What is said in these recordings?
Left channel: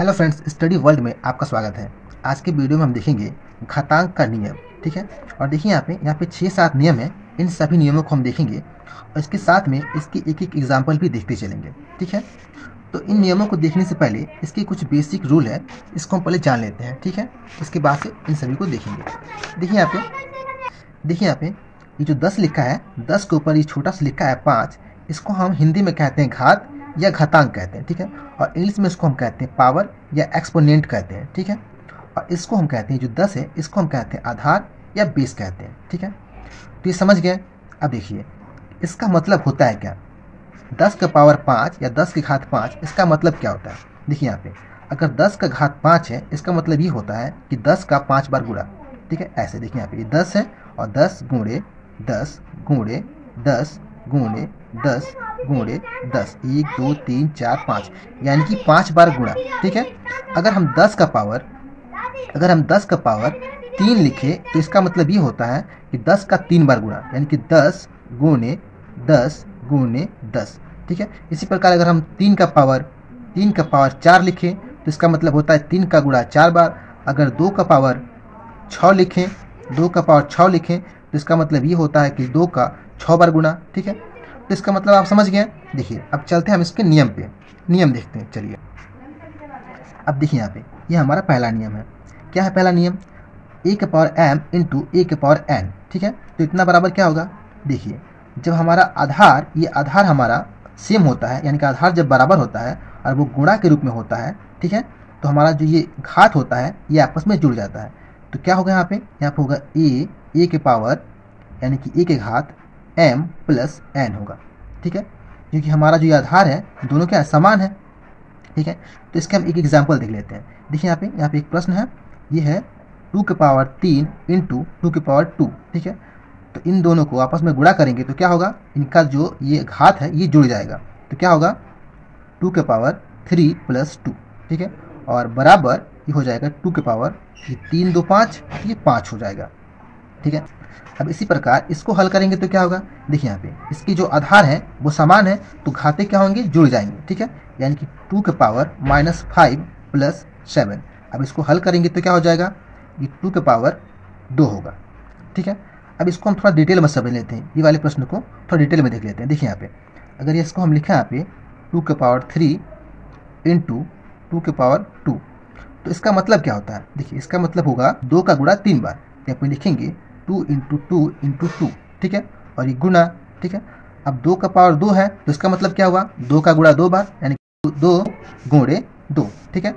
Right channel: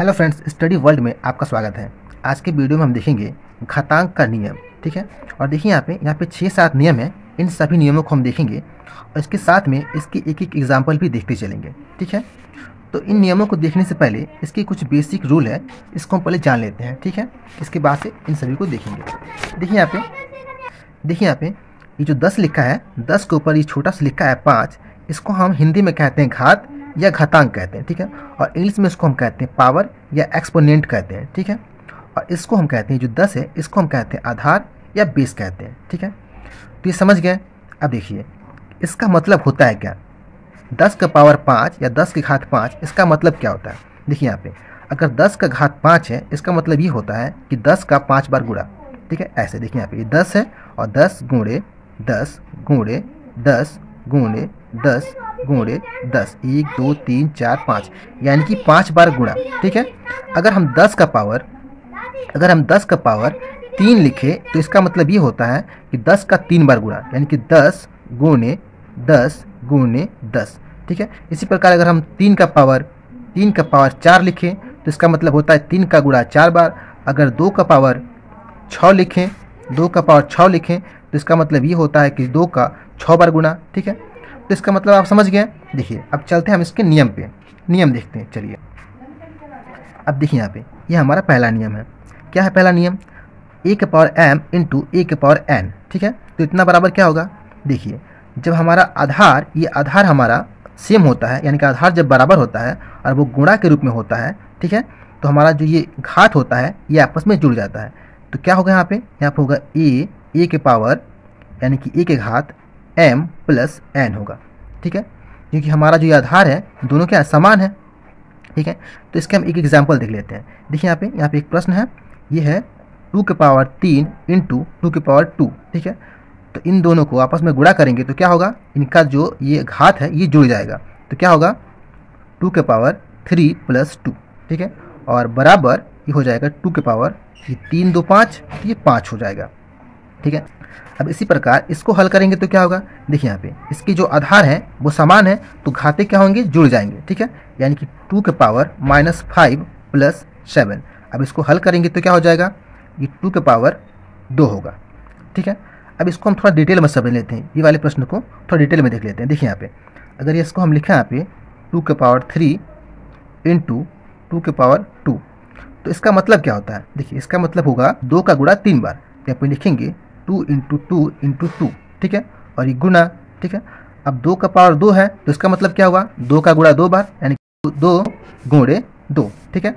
Hello friends, study world में आपका स्वागत है। आज के वीडियो में हम देखेंगे घातांक का नियम। ठीक है, और देखिए यहाँ पे 6-7 नियम हैं। इन सभी नियमों को हम देखेंगे और इसके साथ में इसके एक एक एग्जाम्पल भी देखते चलेंगे। ठीक है, तो इन नियमों को देखने से पहले इसके कुछ बेसिक रूल है, इसको हम पहले जान लेते हैं। ठीक है, इसके बाद से इन सभी को देखेंगे। देखिए यहाँ पे ये जो 10 लिखा है, 10 के ऊपर ये छोटा सा लिखा है 5, इसको हम हिंदी में कहते हैं घात या घातांक कहते हैं। ठीक है, और इंग्लिश में इसको हम कहते हैं पावर या एक्सपोनेंट कहते हैं। ठीक है, और इसको हम कहते हैं जो 10 है, इसको हम कहते हैं आधार या बेस कहते हैं। ठीक है, तो ये समझ गए। अब देखिए इसका मतलब होता है क्या, 10 का पावर 5 या 10 की घात 5, इसका मतलब क्या होता है। देखिए यहाँ पे अगर 10 का घात 5 है, इसका मतलब ये होता है कि 10 का 5 बार गुणा। ठीक है, ऐसे देखिए यहाँ पे ये 10 है और 10 गुणे 10 गुणे 10 गुणे 10 गुणे 10, 1 2 3 4 5, यानी कि 5 बार गुणा। ठीक है, अगर हम 10 का पावर 3 लिखे तो इसका मतलब ये होता है कि 10 का 3 बार गुणा, यानी कि 10 गुणे 10 गुणे 10। ठीक है, इसी प्रकार अगर हम 3 का पावर 4 लिखें तो इसका मतलब होता है 3 का गुणा 4 बार। अगर 2 का पावर 6 लिखें तो इसका मतलब ये होता है कि 2 का 6 बार गुणा। ठीक है, तो इसका मतलब आप समझ गए। देखिए अब चलते हैं हम इसके नियम पे, नियम देखते हैं। चलिए अब देखिए यहाँ पे ये हमारा पहला नियम है। क्या है पहला नियम, a के पावर m इंटू a के पावर n। ठीक है, तो इतना बराबर क्या होगा, देखिए जब हमारा आधार, ये आधार हमारा सेम होता है, यानी कि आधार जब बराबर होता है और वो गुणा के रूप में होता है। ठीक है, तो हमारा जो ये घात होता है ये आपस में जुड़ जाता है। तो क्या होगा यहाँ पे होगा a के पावर यानी कि a के घात m प्लस n होगा। ठीक है, क्योंकि हमारा जो ये आधार है दोनों क्या समान है। ठीक है, तो इसके हम एक एग्जाम्पल देख लेते हैं। देखिए यहाँ पे एक प्रश्न है, ये है 2 के पावर 3 इंटू 2 के पावर 2। ठीक है, तो इन दोनों को आपस में गुणा करेंगे तो क्या होगा, इनका जो ये घात है ये जुड़ जाएगा। तो क्या होगा 2 के पावर 3 प्लस 2। ठीक है, और बराबर ये हो जाएगा 2 के पावर 3 2 5, ये 5 हो जाएगा। ठीक है, अब इसी प्रकार इसको हल करेंगे तो क्या होगा, देखिए यहाँ पे इसकी जो आधार है वो समान है तो घाते क्या होंगे, जुड़ जाएंगे। ठीक है, यानी कि 2 के पावर -5 प्लस 7। अब इसको हल करेंगे तो क्या हो जाएगा, ये 2 के पावर 2 होगा। ठीक है, अब इसको हम थोड़ा डिटेल में समझ लेते हैं, ये वाले प्रश्न को थोड़ा डिटेल में देख लेते हैं। देखिए यहाँ पे अगर इसको हम लिखें यहाँ पे 2 के पावर 3 इंटू 2 के पावर 2, तो इसका मतलब क्या होता है, देखिए इसका मतलब होगा 2 का गुणा 3 बार। यहाँ पे लिखेंगे 2 इंटू 2 इंटू 2। ठीक है, और ये गुणा। ठीक है, अब 2 का पावर 2 है तो इसका मतलब क्या होगा, 2 का गुणा 2 बार, यानी 2 गुणे 2। ठीक है,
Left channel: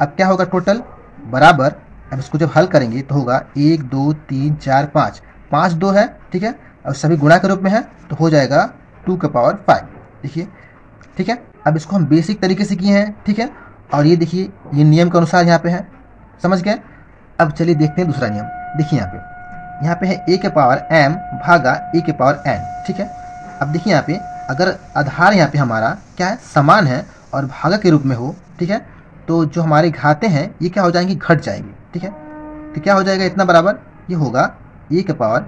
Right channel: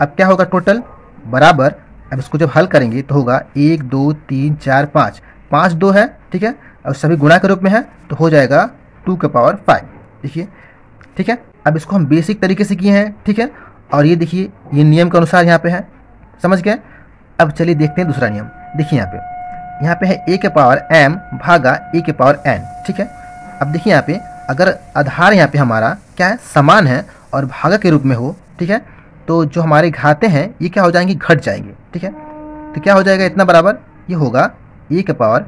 अब क्या होगा टोटल बराबर, अब इसको जब हल करेंगे तो होगा 1 2 3 4 5, 5 2 है। ठीक है, अब सभी गुणा के रूप में है तो हो जाएगा 2 के पावर 5। देखिए ठीक है, अब इसको हम बेसिक तरीके से किए हैं। ठीक है, और ये देखिए ये नियम के अनुसार यहाँ पे है, समझ गए। अब चलिए देखते हैं दूसरा नियम। देखिए यहाँ पे है a के पावर m भागा a के पावर n। ठीक है, अब देखिए यहाँ पे अगर आधार यहाँ पे हमारा क्या है, समान है और भागा के रूप में हो। ठीक है, तो जो हमारे घाते हैं ये क्या हो जाएंगे, घट जाएंगे। ठीक है, तो क्या हो जाएगा इतना बराबर, ये होगा a के पावर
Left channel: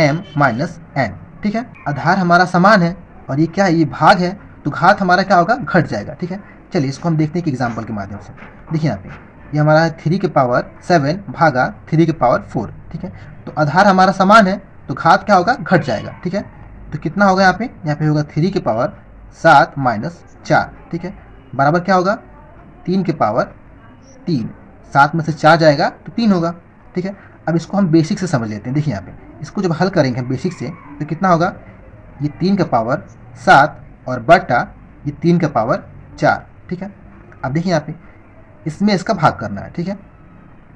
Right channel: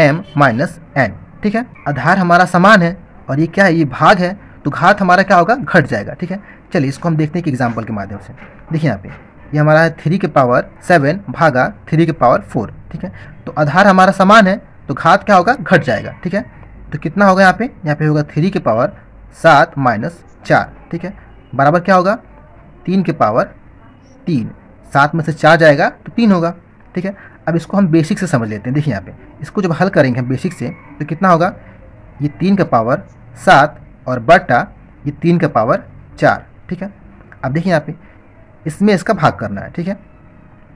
m माइनस n। ठीक है, आधार हमारा समान है और ये क्या है, ये भाग है, तो घात हमारा क्या होगा, घट जाएगा। ठीक है, चलिए इसको हम देखते हैं कि एग्जाम्पल के माध्यम से। देखिए यहाँ पे ये हमारा है 3 के पावर 7 भागा 3 के पावर 4। ठीक है, तो आधार हमारा समान है तो घात क्या होगा, घट जाएगा। ठीक है, तो कितना होगा यहाँ पे होगा 3 के पावर 7 माइनस 4। ठीक है, बराबर क्या होगा 3 के पावर 3, 7 में से 4 जाएगा तो 3 होगा। ठीक है, अब इसको हम बेसिक से समझ लेते हैं। देखिए यहाँ पे इसको जब हल करेंगे हम बेसिक से तो कितना होगा, ये 3 का पावर 7 और बटा ये 3 का पावर 4। ठीक है, अब देखिए यहाँ पे इसमें इसका भाग करना है। ठीक है,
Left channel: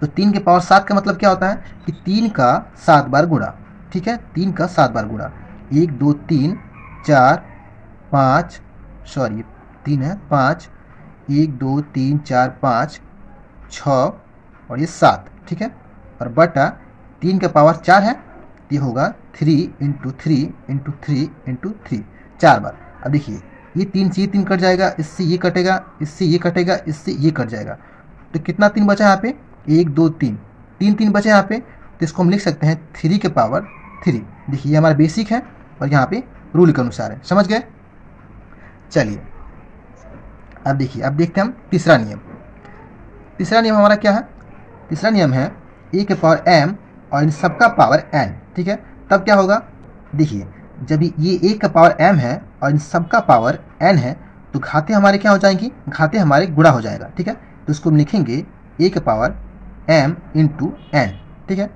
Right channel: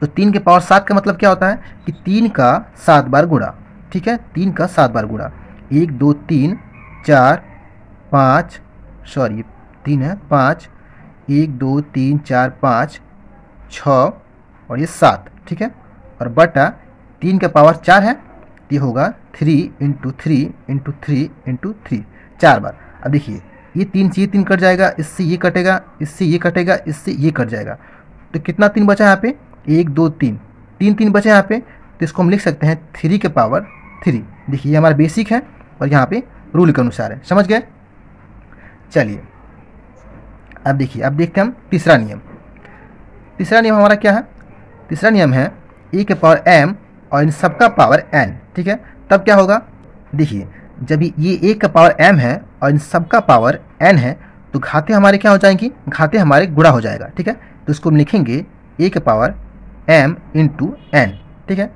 तो 3 के पावर 7 का मतलब क्या होता है कि 3 का 7 बार गुणा। ठीक है, 3 का 7 बार गुणा, 1 2 3 4 5, सॉरी 3 है 5, 1 2 3 4 5 6 और ये 7। ठीक है, और बटा 3 के पावर 4 है, ये होगा 3 इंटू 3 इंटू 3 इंटू 3, 4 बार। अब देखिए ये 3 से ये 3 कट जाएगा, इससे ये कटेगा, इससे ये कटेगा, इससे ये कट जाएगा, तो कितना 3 बचा यहाँ पे, 1 2 3, 3 बचे यहाँ पे, तो इसको हम लिख सकते हैं 3 के पावर 3। देखिए ये हमारा बेसिक है और यहाँ पे रूल के अनुसार है, समझ गए। चलिए अब देखिए, अब देखते हैं हम तीसरा नियम। तीसरा नियम हमारा क्या है? तीसरा नियम है e के पावर m और इन सबका पावर n, ठीक है। तब क्या होगा? देखिए, जब ये a का पावर m है और इन सबका पावर n है तो घाते हमारे क्या हो जाएंगी? घाते हमारे गुणा हो जाएगा, ठीक है। तो इसको हम लिखेंगे a के पावर m इंटू n, ठीक है।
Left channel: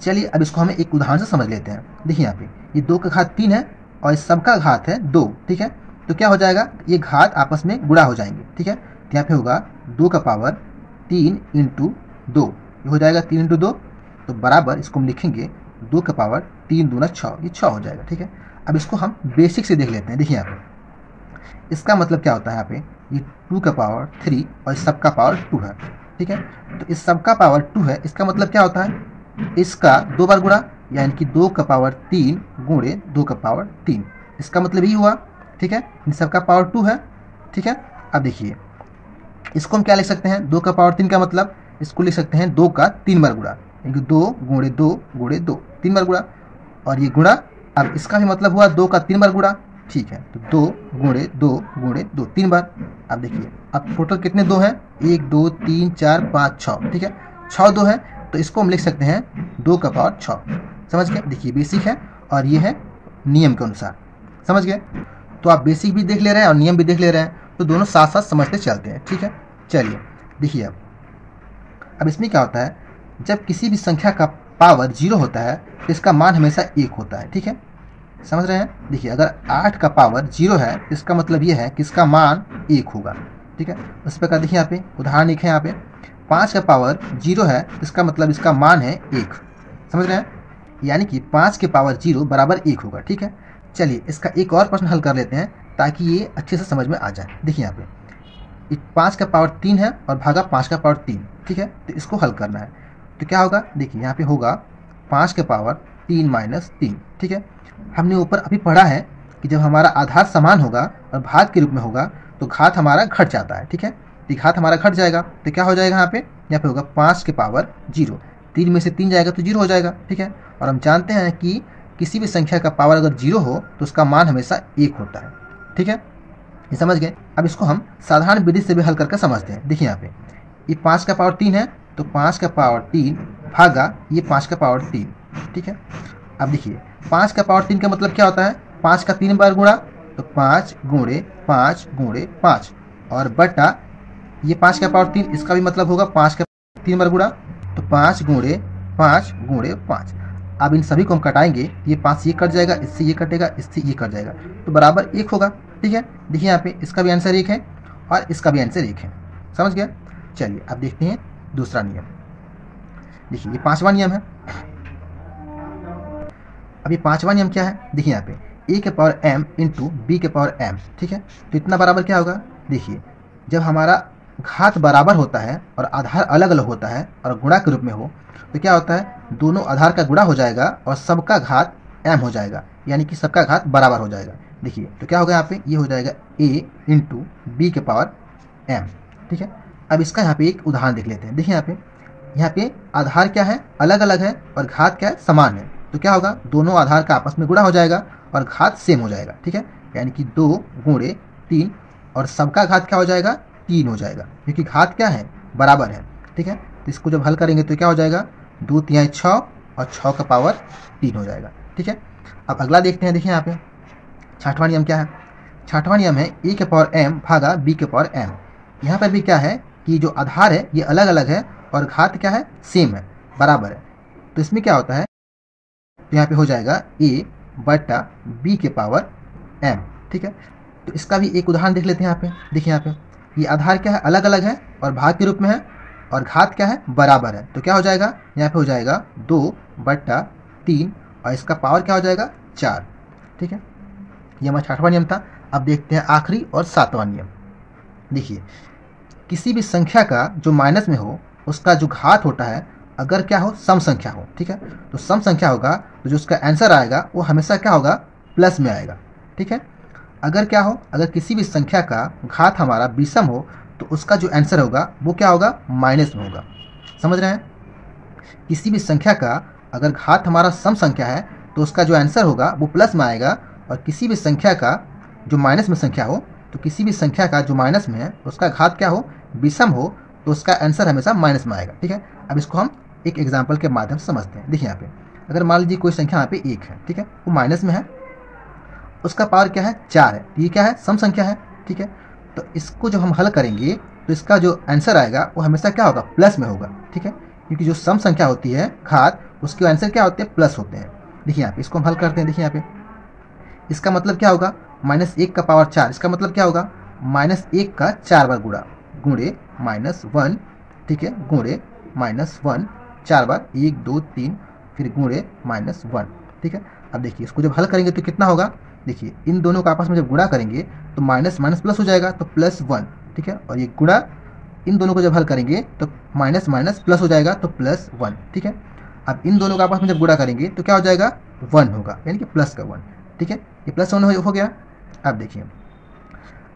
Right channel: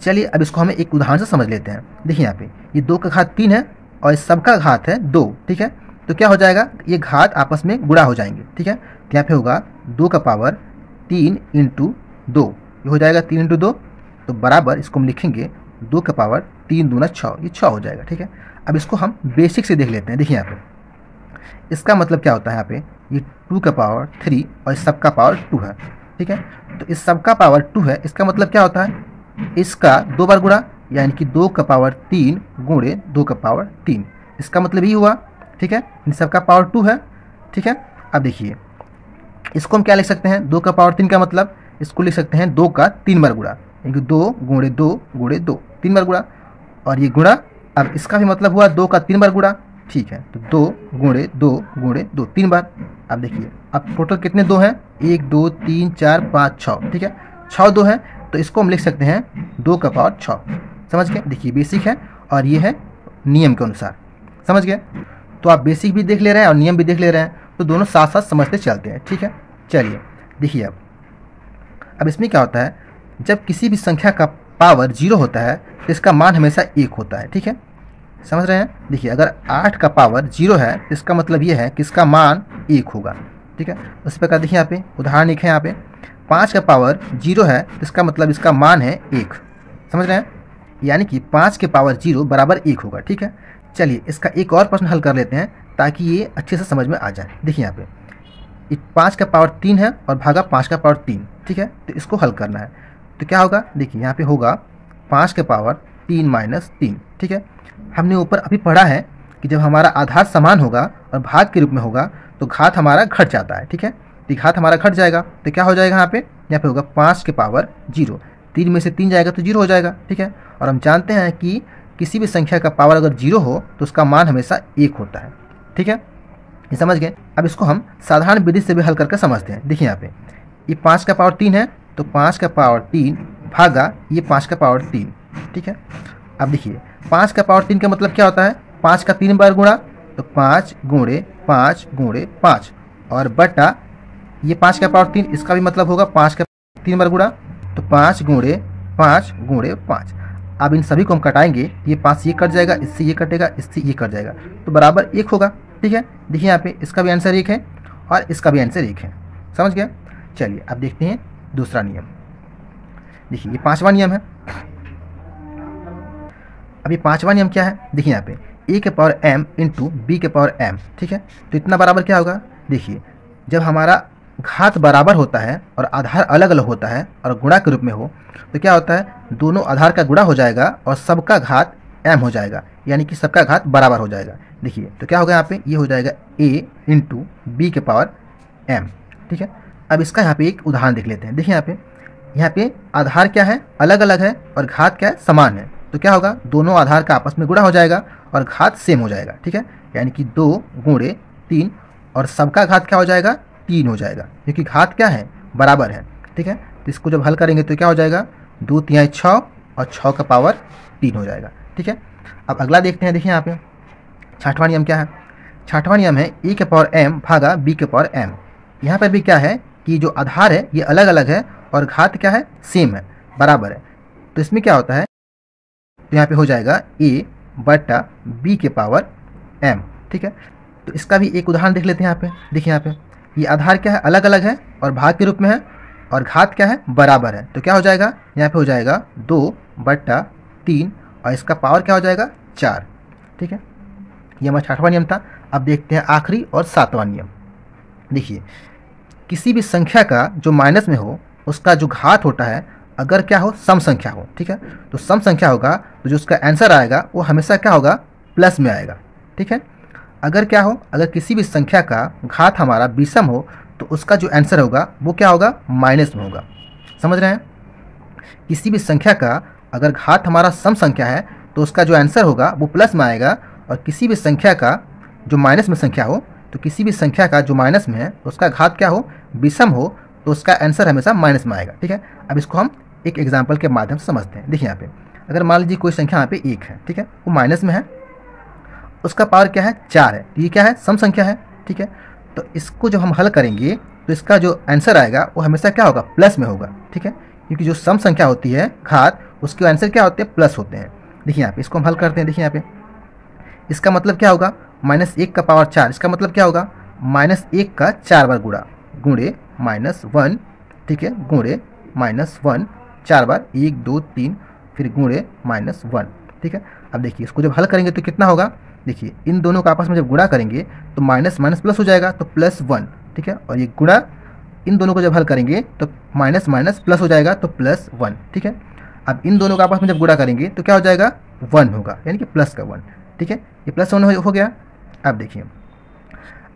चलिए अब इसको हमें एक उदाहरण से समझ लेते हैं। देखिए यहाँ पे ये 2 का घात 3 है और इस सबका घात है 2, ठीक है। तो क्या हो जाएगा? ये घात आपस में गुणा हो जाएंगे, ठीक है। तो यहाँ पे होगा 2 का पावर 3 इंटू 2, ये हो जाएगा 3 इंटू 2, तो बराबर इसको हम लिखेंगे 2 का पावर 3 दूना 6, ये 6 हो जाएगा, ठीक है। अब इसको हम बेसिक से देख लेते हैं। देखिए यहाँ पे इसका मतलब क्या होता है? यहाँ पे ये 2 का पावर 3 और इस सबका पावर 2 है, ठीक है। तो इस सबका पावर 2 है, इसका मतलब क्या होता है? इसका 2 बार गुणा, यानी कि 2 का पावर 3 गुणे 2 का पावर 3, इसका मतलब ही हुआ, ठीक है। इन सबका पावर 2 है, ठीक है। अब देखिए इसको हम क्या लिख सकते हैं? 2 का पावर 3 का मतलब इसको लिख सकते हैं 2 का 3 बार गुणा, यानी कि 2 गुणे 2 गुणे 2, 3 बार गुणा, और ये गुणा। अब इसका भी मतलब हुआ 2 का 3 बार गुणा, ठीक है। तो 2 गुणे 2 गुणे 2, 3 बार। अब देखिए अब टोटल कितने 2 हैं? 1 2 3 4 5 6, ठीक है। 6 2 है, तो इसको हम लिख सकते हैं 2 का पावर 6। समझ गए? देखिए बेसिक है और ये है नियम के अनुसार, समझ गए? तो आप बेसिक भी देख ले रहे हैं और नियम भी देख ले रहे हैं, तो दोनों साथ साथ समझते चलते हैं, ठीक है। चलिए देखिए अब इसमें क्या होता है? जब किसी भी संख्या का पावर 0 होता है तो इसका मान हमेशा 1 होता है, ठीक है। समझ रहे हैं? देखिए अगर 8 का पावर 0 है तो इसका मतलब ये है कि इसका मान 1 होगा, ठीक है। उस प्रकार देखिए यहाँ पे उदाहरण एक है, यहाँ पे 5 का पावर 0 है, इसका मतलब इसका मान है 1, समझ रहे हैं? यानी कि 5 के पावर 0 बराबर 1 होगा, ठीक है। चलिए इसका एक और प्रश्न हल कर लेते हैं ताकि ये अच्छे से समझ में आ जाए। देखिए यहाँ पे 5 का पावर 3 है और भागा 5 का पावर 3, ठीक है। तो इसको हल करना है, तो क्या होगा? देखिए यहाँ पे होगा 5 के पावर 3 माइनस 3, ठीक है। हमने ऊपर अभी पढ़ा है कि जब हमारा आधार समान होगा और भाग के रूप में होगा तो घात हमारा घट जाता है, ठीक है। तो घात हमारा घट जाएगा तो क्या हो जाएगा? यहाँ पे होगा 5 के पावर 0, 3 में से 3 जाएगा तो 0 हो जाएगा, ठीक है। और हम जानते हैं कि किसी भी संख्या का पावर अगर 0 हो तो उसका मान हमेशा 1 होता है, ठीक है। ये समझ गए? अब इसको हम साधारण विधि से भी हल करके समझते हैं। देखिए यहाँ पे ये 5 का पावर 3 है, तो 5 का पावर 3 भागा ये 5 का पावर 3, ठीक है। अब देखिए 5 का पावर 3 का मतलब क्या होता है? 5 का 3 बार गुणा, तो 5 गुणे 5 गुणे 5, और बटा ये 5 का पावर 3, इसका भी मतलब होगा 5 का 3 बार गुणा, तो 5 गुणे 5 गुणे 5। अब इन सभी को हम कटाएंगे, ये 5 ये कट जाएगा, इससे ये कटेगा, इससे ये कट जाएगा, तो बराबर 1 होगा, ठीक है। देखिए यहाँ पे इसका भी आंसर 1 है और इसका भी आंसर 1 है, समझ गए? चलिए अब देखते हैं दूसरा नियम। देखिए ये 5वां नियम है। अब ये 5वां नियम क्या है? देखिए यहाँ पे a के पावर m इंटू बी के पावर m, ठीक है। तो इतना बराबर क्या होगा? देखिए जब हमारा घात बराबर होता है और आधार अलग अलग होता है और गुणा के रूप में हो तो क्या होता है? दोनों आधार का गुणा हो जाएगा और सबका घात m हो जाएगा, यानी कि सबका घात बराबर हो जाएगा। देखिए तो क्या होगा? यहाँ पे ये हो जाएगा a इंटू बी के पावर m, ठीक है। अब इसका यहाँ पे एक उदाहरण देख लेते हैं। देखिए यहाँ पे आधार क्या है? अलग अलग है और घात क्या है? समान है। तो क्या होगा? दोनों आधार का आपस में गुणा हो जाएगा और घात सेम हो जाएगा, ठीक है। यानी कि 2 गुणे 3 और सबका घात क्या हो जाएगा? 3 हो जाएगा, क्योंकि घात क्या है? बराबर है, ठीक है। तो इसको जब हल करेंगे तो क्या हो जाएगा? 2 तिहाई 6 और 6 का पावर 3 हो जाएगा, ठीक है। अब अगला देखते हैं। देखिए यहाँ पे 6वां नियम क्या है? 6वां नियम है a के पावर m भागा b के पावर m। यहाँ पर भी क्या है कि जो आधार है ये अलग अलग है और घात क्या है? सेम है, बराबर है। तो इसमें क्या होता है? तो यहाँ पे हो जाएगा a बटा b के पावर m, ठीक है। तो इसका भी एक उदाहरण देख लेते हैं। यहाँ पे देखिए यहाँ पे ये आधार क्या है? अलग अलग है और भाग के रूप में है और घात क्या है? बराबर है। तो क्या हो जाएगा? यहाँ पे हो जाएगा 2 बटा 3 और इसका पावर क्या हो जाएगा? 4, ठीक है। ये हमारा 6वां नियम था। अब देखते हैं आखिरी और 7वां नियम। देखिए किसी भी संख्या का जो माइनस में हो उसका जो घात होता है अगर क्या हो? सम संख्या हो, ठीक है। तो सम संख्या होगा तो जो उसका आंसर आएगा वो हमेशा क्या होगा? प्लस में आएगा, ठीक है। अगर क्या हो? अगर किसी भी संख्या का घात हमारा विषम हो तो उसका जो आंसर होगा वो क्या होगा? माइनस में होगा, समझ रहे हैं? किसी भी संख्या का अगर घात हमारा सम संख्या है तो उसका जो आंसर होगा वो प्लस में आएगा, और किसी भी संख्या का जो माइनस में संख्या हो तो किसी भी संख्या का जो माइनस में है उसका घात क्या हो? विषम हो तो तो उसका आंसर हमेशा माइनस में आएगा। ठीक है, अब इसको हम एक एग्जाम्पल के माध्यम से समझते हैं। देखिए यहाँ पे अगर मान लीजिए कोई संख्या यहाँ पे 1 है, ठीक है, वो माइनस में है, उसका पावर क्या है 4 है, तो ये क्या है सम संख्या है। ठीक है, तो इसको जब हम हल करेंगे तो इसका जो आंसर आएगा वो हमेशा क्या होगा प्लस में होगा। ठीक है, क्योंकि जो सम संख्या होती है घात, उसके आंसर क्या होते हैं प्लस होते हैं। देखिए यहाँ पे इसको हम हल करते हैं। देखिए यहाँ पे इसका मतलब क्या होगा -1 का पावर 4, इसका मतलब क्या होगा -1 का 4 बार गुणा गुणे -1, ठीक है, गुणे -1 4 बार 1 2 3 फिर गुणे -1। ठीक है, अब देखिए इसको जब हल करेंगे तो कितना होगा, देखिए इन दोनों का आपस में जब गुणा करेंगे तो माइनस माइनस प्लस हो जाएगा तो +1। ठीक है, और ये गुणा इन दोनों को जब हल करेंगे तो माइनस माइनस प्लस हो जाएगा तो +1। ठीक है, अब इन दोनों का आपस में जब गुणा करेंगे तो क्या हो जाएगा 1 होगा, यानी कि प्लस का 1। ठीक है, ये +1 हो गया। अब देखिए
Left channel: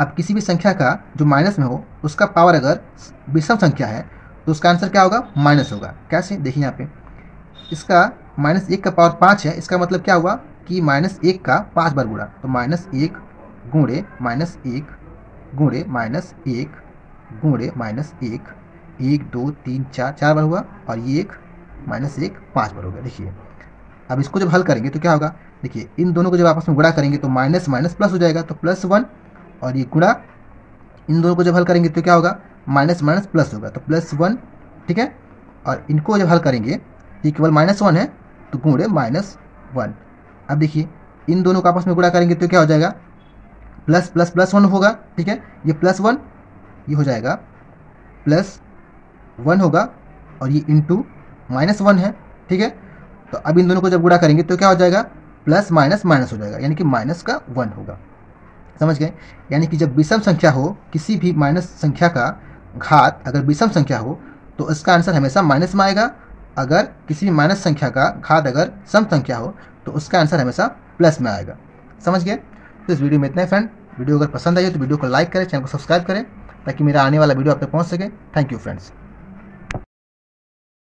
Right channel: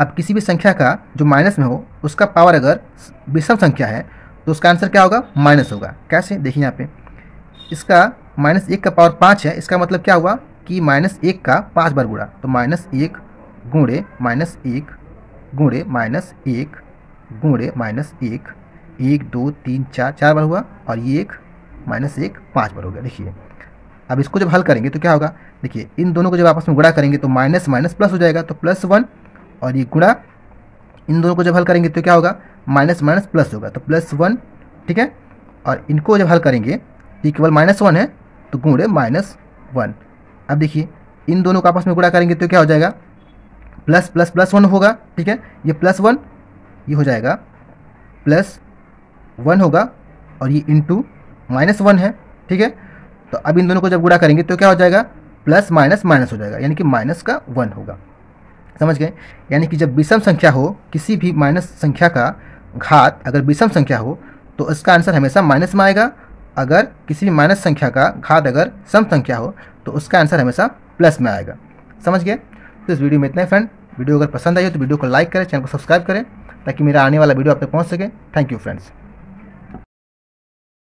अब किसी भी संख्या का जो माइनस में हो उसका पावर अगर विषम संख्या है तो उसका आंसर क्या होगा माइनस होगा। कैसे, देखिए यहाँ पे इसका -1 का पावर 5 है, इसका मतलब क्या हुआ कि -1 का 5 बार गुणा, तो -1 गुणे -1 गुणे -1 गुणे -1 1 2 3 4 बार हुआ, और ये एक -1 5 बार हो गया। देखिए अब इसको जब हल करेंगे तो क्या होगा, देखिए इन दोनों को जब आपस में गुणा करेंगे तो माइनस माइनस प्लस हो जाएगा तो +1, और ये गुणा इन दोनों को जब हल करेंगे तो क्या होगा माइनस माइनस प्लस होगा तो +1। ठीक है, और इनको जब हल करेंगे ये केवल -1 है तो गुणे -1। अब देखिए इन दोनों का आपस में गुणा करेंगे तो क्या हो जाएगा +++1 होगा। ठीक है, ये +1 ये हो जाएगा +1 होगा, और ये इंटू -1 है। ठीक है, तो अब इन दोनों को जब गुणा करेंगे तो क्या हो जाएगा प्लस माइनस माइनस हो जाएगा, यानी कि माइनस का 1 होगा। समझ गए, यानी कि जब विषम संख्या हो, किसी भी माइनस संख्या का घात अगर विषम संख्या हो तो इसका आंसर हमेशा माइनस में आएगा। अगर किसी भी माइनस संख्या का घात अगर सम संख्या हो तो उसका आंसर हमेशा प्लस में आएगा। समझ गए, तो इस वीडियो में इतना ही फ्रेंड। वीडियो अगर पसंद आई हो तो वीडियो को लाइक करें, चैनल को सब्सक्राइब करें ताकि मेरा आने वाला वीडियो आप तक पहुंच सके। Thank you friends.